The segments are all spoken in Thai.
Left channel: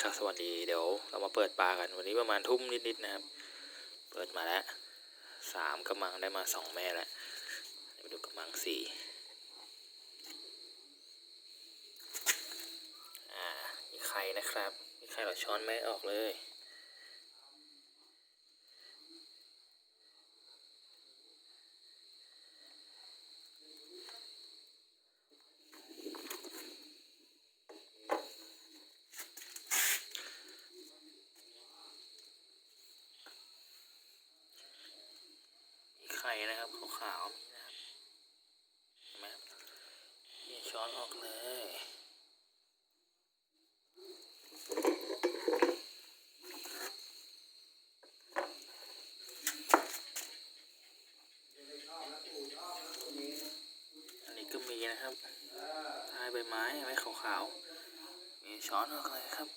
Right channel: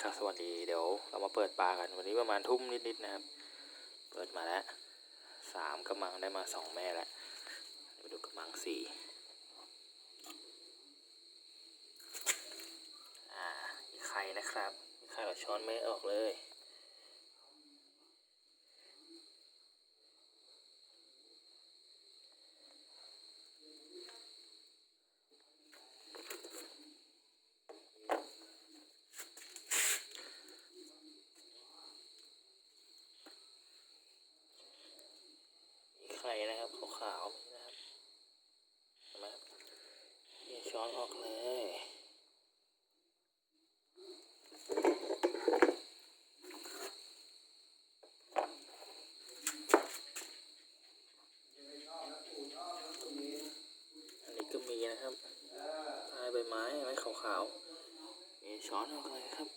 ครับสวัสดีเดี๋ยวเรามาเปิดปลากันวันนี้ประมาณทุ่มนิดๆนะครับ เปิดมาแล้วสามกระมังได้มาสองแม่แล้วเดี๋ยวมาดูกระมังสี่อ่ามีไข่นะครับมีไข่แบบช้อนไม่ออกเลย มีไข่นะครับ ขาวๆมีนะครับเห็นไหมครับนี่ช้อนออกเลยอันนี้ก็มีนะครับใต้ใบไม้ไหมขาวๆมีช้อนออกเลยครับ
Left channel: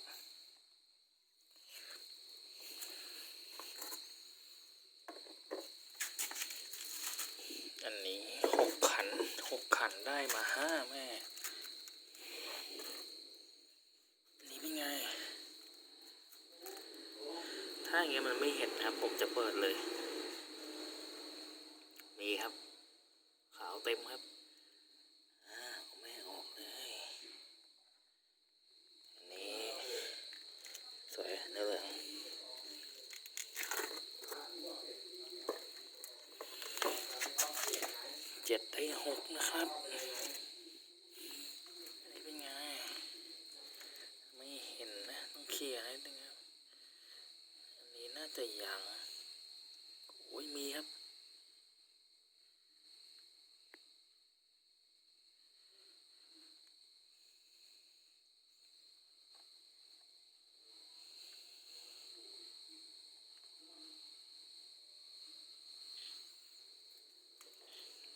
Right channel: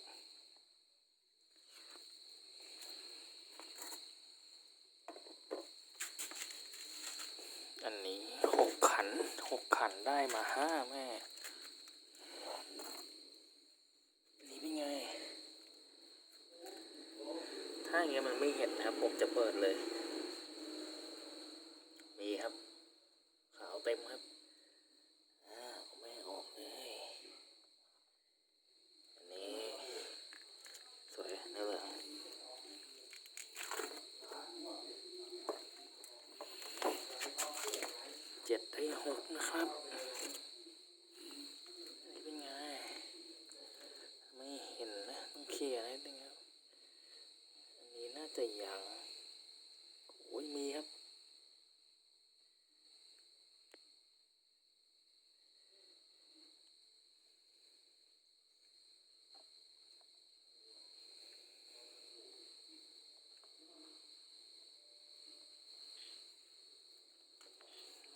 อันนี้หกขันหกขั นได้มาห้าแม่ นี่เป็นไง ถ้าอย่างเงี้ยมันไม่เห็นนะครับ ผมจะเปิดเลย มีครับ ขาวเต็มครับ อ่าเอาไม่ออกเลย อันนี้ สวยเนื้อเหลือง เจ็ดได้ หกนะครับอันนี้เป็นไง ไม่เห็นนะ ต้องเคลียร์นิดนึงครับ อันนี้น่าจะยังโอ้ยมีครับ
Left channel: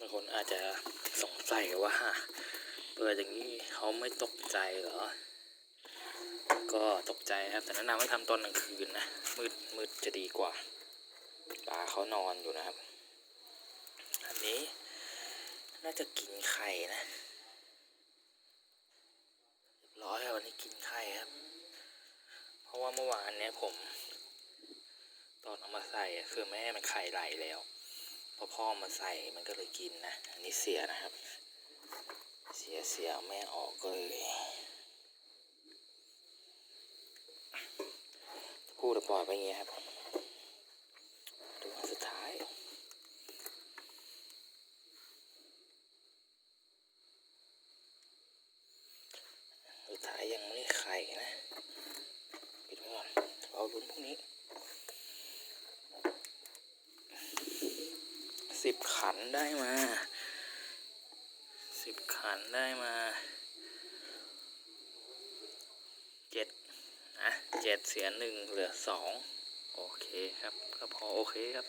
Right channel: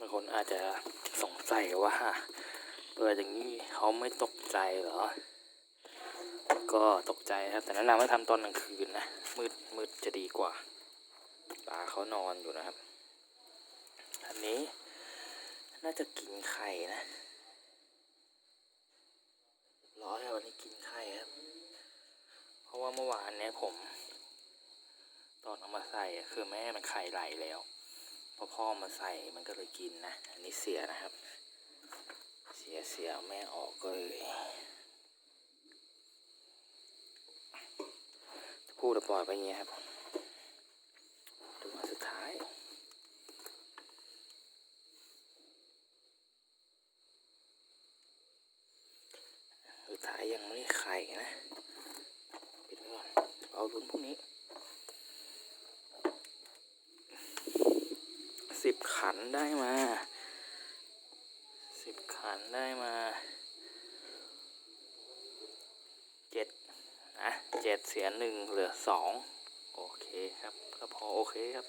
บางคนอาจจะสงสัยว่าเปิดอย่างนี้เขาไม่ตกใจเหรอ ก็ตกใจครับแต่แนะนำให้ทำตอนกลางคืนนะ มืดมืดจะดีกว่าปลาเขานอนอยู่นะครับ อันนี้น่าจะกินไข่นะร้อยครับวันนี้กินไข่ครับ เพราะว่าเมื่อวานเนี้ยผม ตอนเอามาใส่คือแม่มันไข่ไหลแล้ว อพ่อมาใส่มันก็เลยกินนะอันนี้เสียนะครับ เสียเสียแม่ออกเลยจะพูดแล้วปล่อยไปอย่างเงี้ยครับดูอันสุดท้ายสุดท้ายยังไม่ได้ไข่นะปิดไว้ก่อนเอาลุ้นพวกนี้ สิบขันได้มาสิบขันได้มาเจ็ดนะเจ็ดเสียหนึ่งเหลือสองโอเคครับ ก็พอโอเคครับ